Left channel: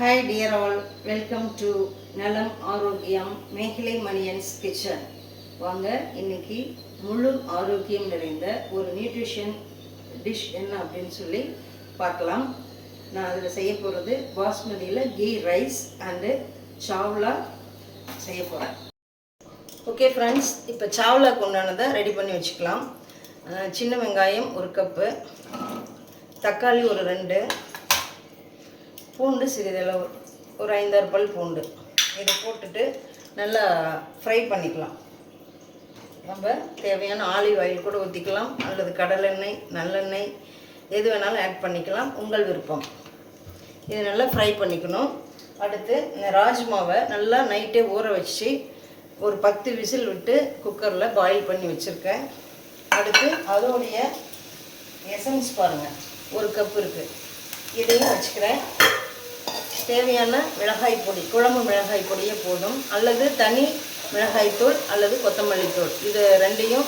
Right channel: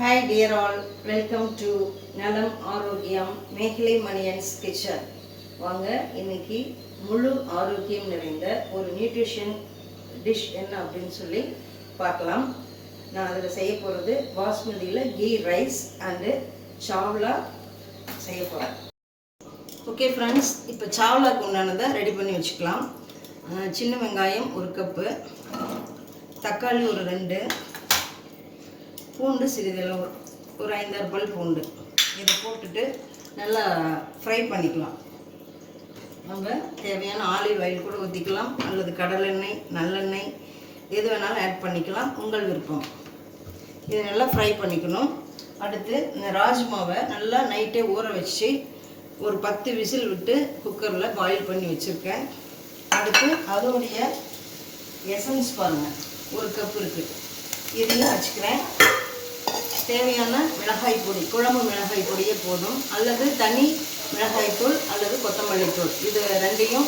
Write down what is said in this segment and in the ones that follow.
Hi dear all, welcome to நலம் ஆரோக்கியம் மேகலை மணியன்ஸ் கிச்சன். வாங்க இன்னைக்கு முழு ஆரோக்கியம் நிறைந்த ஒரு நியூட்ரிஷன் டிஷ் என்ன அப்படின்னு சொல்லி பார்க்கலாம். நான் அதில் செய்ய போகிறது பாஸ்மதியில் கீ ரைஸ் அண்டு சாவ்லா செய்ய போகிறேன். ஓகே ஃப்ரெண்ட்ஸ், இப்போ சாவ்லாக்கு உண்டானதை ரெடி பண்ணி வச்சுக்கலாம். சின்ன வெங்காயம் 1 கப்பு, தக்காளி ஒரு 2, பூண்டு சிறிதளவு ஒரு 5-6 பல் பூண்டு. இதை போட்டுட்டு நல்லா ஃப்ரை பண்ணிக்கலாம். நம்ம தேவையான ஆலிவ் ஆயில் கூட ஊற்றிக்கலாம், அல்லது கடலெண்ணெய், நல்லெண்ணெய் எது வேணாலும் ஆட் பண்ணிக்கலாம், உங்கள் விருப்பம். இது நல்லா ஃப்ரை பண்ணிக்கணும். அடுத்து இந்த ராஜ்மாவை நல்லா நைட்டே ஊற வச்சு ஒரு 10 விசில் விட்டு குக்கரில் பாயில் பண்ணி வச்சுருக்கேன். அடுத்து அதோடைய எசன்ஸ் பாருங்கள், 1 கப் இருக்குது, இதையும் வச்சுக்கிறேன். தேவையான மிளகாய் பொடி, குழம்பு மிளகாய் பொடியே போதும், அல்லது தனி மிளகாய்த்தூள் அல்லது கொத்தமல்லி தூள், இது ரெண்டையும்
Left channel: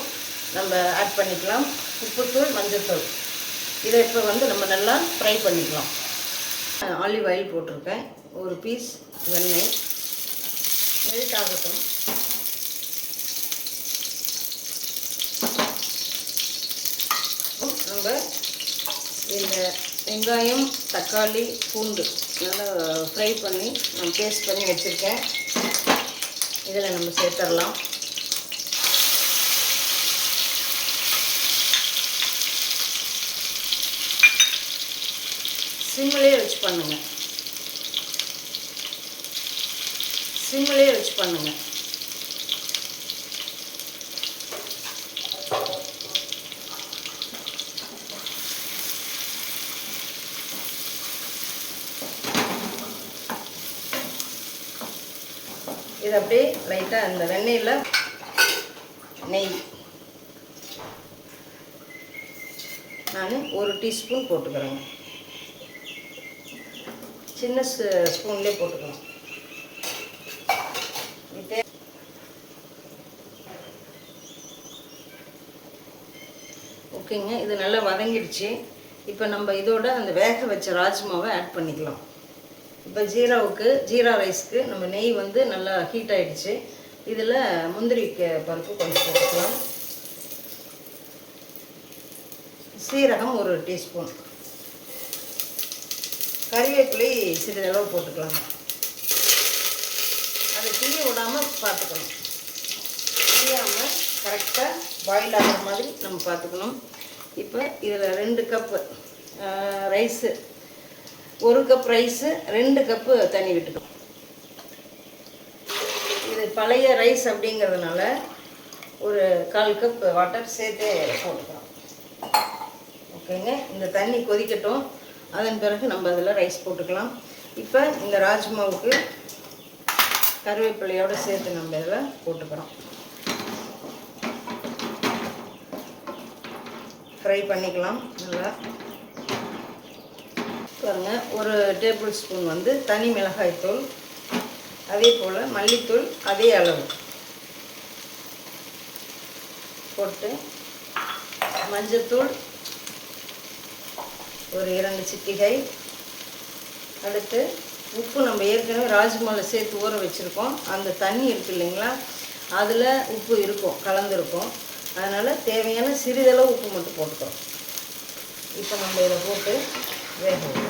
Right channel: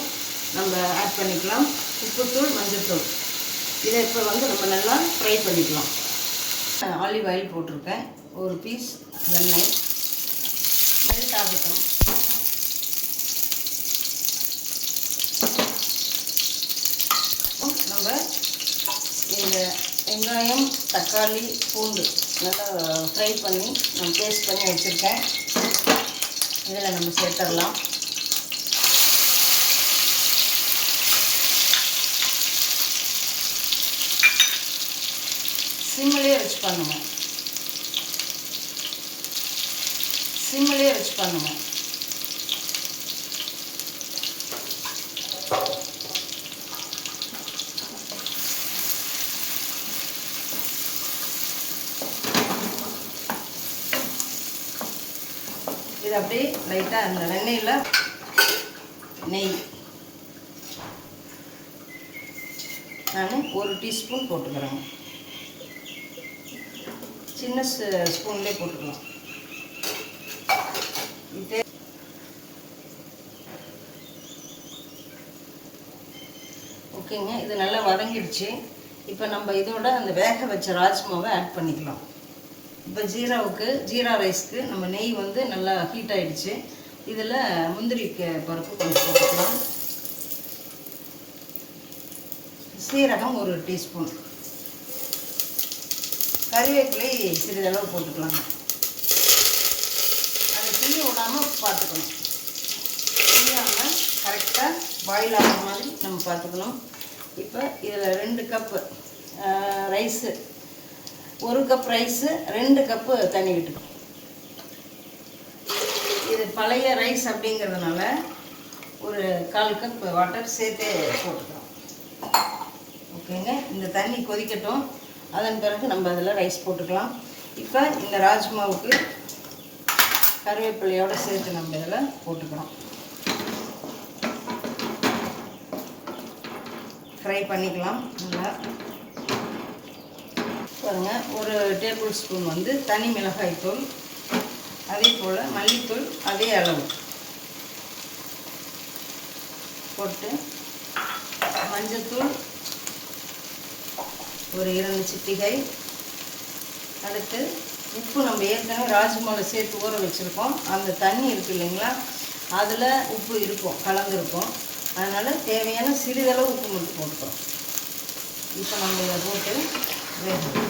நம்ம ஆட் பண்ணிக்கலாம். உப்புத்தூள், மஞ்சள்தூள். இதை இப்போ நம்ம நல்லா ஃப்ரை பண்ணிக்கலாம். ஆலிவ் ஆயில் போட்டிருக்கேன், ஒரு பீஸ் எண்ணெய் மெல்ட் ஆகட்டும். நம்ம இந்த வெங்காயம், தக்காளி, பூண்டு நல்லா ஃப்ரை பண்ணி நம்ம பேஸ்ட் பண்ணி வச்சுருக்கேன். இதில் நம்ம சேர்த்துடலாம். சிம்மிலே வச்சு பண்ணுங்கள், சிம்மிலே வச்சு பண்ணுங்கள். இது அப்படியே லைட்டாக அந்த வெண்ணெயில் நெய் நான் 1 டீஸ்பூன் போட்டுக்கிறேங்க. சின்ன ஸ்பூன்லேயே போட்டுக்கலாம். இப்போ ஓகேங்க, இது நல்லா வதங்கிடுச்சு. இப்போ நம்ம இதோட அந்த வேக வச்ச ராஜ்மாவை ஆட் பண்ணிக்கலாம். இப்போ ஜீரா ரைஸ்க்கு நம்ம நெய் நல்லா ஹீட் ஆகிடுச்சு. இதில் முந்திரி பருப்பு கொஞ்சம் போட்டுக்கலாம். சீரகம் 1 டீஸ்பூன், கறிவேப்பிலை சிறிதளவு போட்டுக்கலாங்க. அதை தீய விடாமல் பார்த்துக்கணும், தீயாமல் கரெக்டாக பாயில் ஆகிற மாதிரி நம்ம பார்த்துக்கணும். இப்போ இதில் 2 cup rice, 1 cup rice 2 cup தண்ணி விட்டுக்கணும். இது பழைய ரைஸ் அப்படிங்கிறதுனால ஒரு 1/4 கப் வாட்டர் சேர்த்தே போட்டுக்கிறோம். ஓகேங்க, இந்த தண்ணி கொதிக்கட்டும். அதன் பிறகு நம்ம அதில் ரைஸ் போட்டுக்கலாம். இப்போ இந்த ராஜ்மாவுக்கு கருவேப்பிலையோடு சேர்த்து நம்ம இதில் போட்டுக்கிறோம். ஃப்ரை பண்ணிக்கலாம் நல்லா. பாருங்க, 1 டேபிள் ஸ்பூன் தனி மிளகாய் தூள், அதே போல் மல்லித்தூள் அதே அளவு போட்டு, மஞ்சத்தூள் ஒரு 2 சிட்டிகை. அடுத்து உப்பு நம்ம ஏற்கனவே ராஜ்மாவில் சேர்த்து ஊற வச்சுருக்கோம். அந்த தண்ணி இருக்குது இல்லைங்களா, அதில் உப்பு இருக்கும், கலந்துருக்கும். அதனால் தேவையான சிறிதளவு உப்பு மட்டும் போட்டுக்கிறோம். இப்போ நம்ம இதை போட்டு வேகணும்.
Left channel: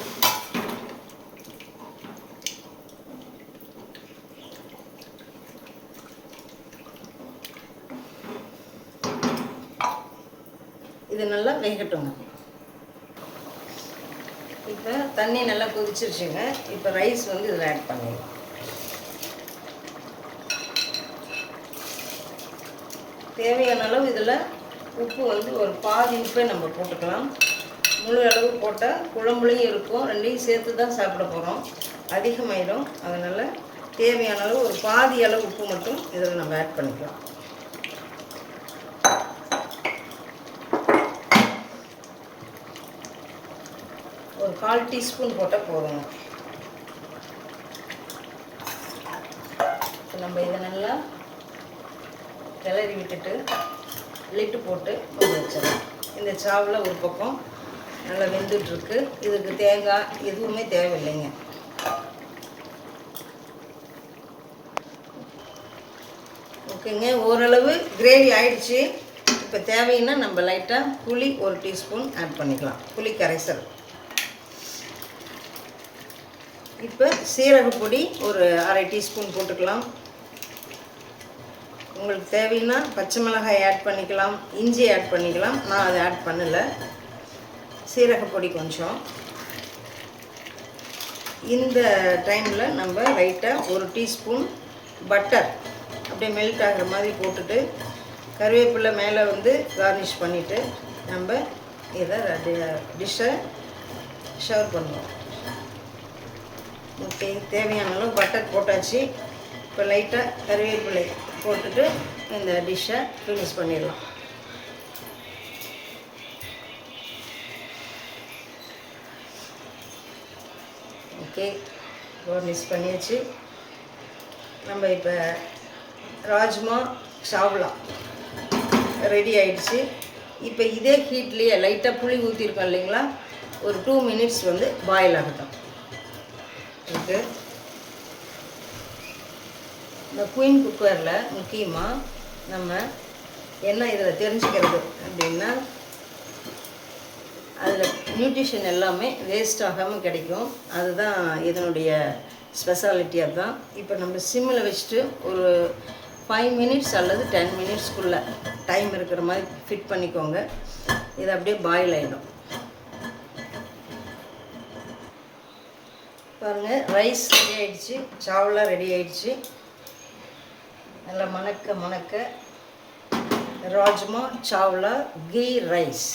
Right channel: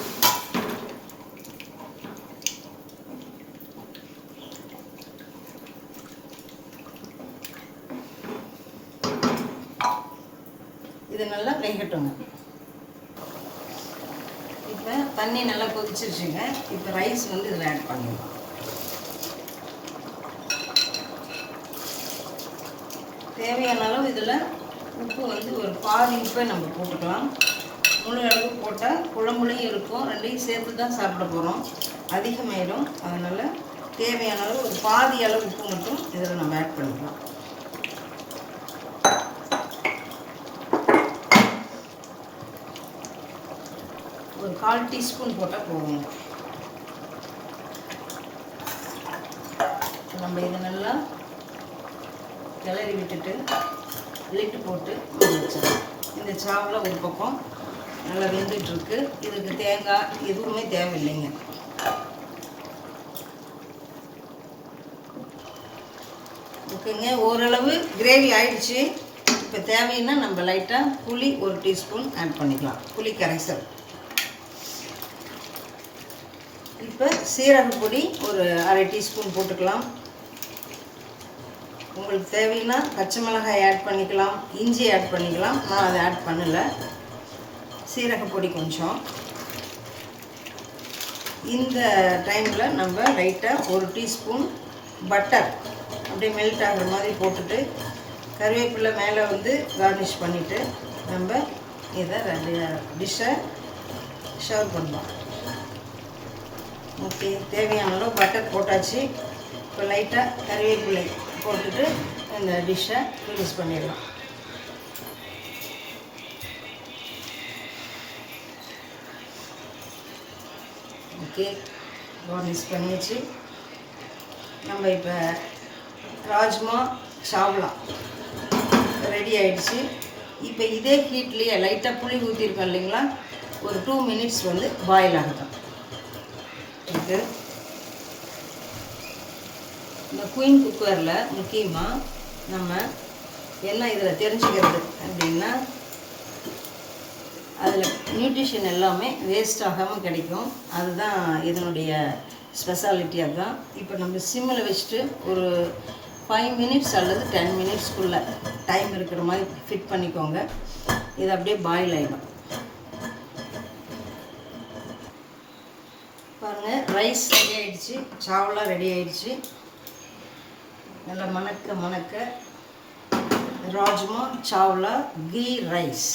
இது நல்லா வேகட்டும். இப்போ தண்ணி நல்லா கொதிச்சிருச்சுங்க. இப்போ ரைஸ் இதில் ஆட் பண்ணிடலாம். தேவையான அளவு இதில் உப்பு ஒரு பாதி உப்பை நம்ம போட்டுக்கலாம். முழு அளவு போட்டால் குழம்புலையும் இருக்கும், ரெண்டையும் சேர்த்து தான் சாப்பிட போகிறோம், அதிகமாயிடும். அதனால் தேவையான அளவு ஒரு பாதி அளவு உப்பு மட்டும் இதில் நம்ம ஆட் பண்ணிக்கலாம். ஒரு 1/4 டீஸ்பூன் போட்டால் போதுங்க. நம்ம இதை நல்லா கிளறி விட்டுட்டு லிட்டு போட்டு வச்சிடலாம். இந்த சாவில் ஒரு பக்கம் நல்லா வெந்துட்டுருக்கு. இதுக்கு தேங்காய் எதுவுமே தேவையில்லைங்க. ஓகேங்க, ஓரளவு கிரேவி ஆயிடுச்சு. இப்போ தேவைன்னா நம்ம லைட்டாக புளி 1 டீஸ்பூன் ஆட் பண்ணிக்கலாம், புளி கரைசல். இப்போ சீரகப்பொடி ஒரு 1/2 டீஸ்பூன் போட்டுக்கலாம். உங்களுக்கு தேவைன்னா பச்சை மிளகாய் ஆட் பண்ணிக்கலாம், இஞ்சி ஆட் பண்ணிக்கலாம். நான் அதை ஆட் பண்ணலை. சீரகப்பொடி கொஞ்சம். இந்த டைமில் நம்ம லைட்டாக 1 டீஸ்பூன் பட்டர் அப்படியே மெல்ட் ஆகிற மாதிரி போட்டுட்டு கருவேப்பிலை மேலே வந்து கார்னிஷ் பண்ணிவிட்டு நம்ம இதை டிஷ்ஷை சர்வ் பண்ணுவோம். ஓகே, தேவையான அளவு பட்டர் போட்டாச்சு. இப்போ லைட்டாக கருவேப்பிலை போட்டுட்டு இந்த டிஷ்ஷை ஃபினிஷ் பண்ணிடலாம். ஓகே, கார்னிஷ் பண்ணியாச்சு. நம்ம இப்போ ராஜ்மா சாவ்லா ரெடி ஆகிடுச்சு. இப்போ இதே ஹீட்லேயே லைட்டாக புளி ஊற்றிருக்கோம் இல்லைங்களா, ஒரு 2 மினிட்ஸ் வந்து பாயில் ஆகட்டும். ஓகே, இந்த குயின் குக்கரில் முக்கியமாக நம்ம என்ன இதில் தெரிஞ்சுக்கிறது அப்படின்னா, அதில் நியூட்ரிஷன் எல்லாமே வேஸ்ட் ஆகாமல் கிடைக்கும். அதுதான் இதனுடைய ஸ்பெஷாலிட்டி. அதுதான். இப்போ நம்ம சிம்மில் வச்சுட்டு ஒரு 5 மினிட்ஸ் அல்லது 10 மினிட்ஸ்க்குள்ளே டைம் இருக்கிற மாதிரி ஃபிட் பண்ணிக்கோங்க. இது அப்படியே பாயில் ஆகிடும். பாருங்கள், ரைஸ் ரெடி ஆகிடுச்சு, சாவலா ரெடி ஆகிடுச்சு. நல்லா மணக்க மணக்க ராஜ்மா சாவ்லா கீ ரைஸ்.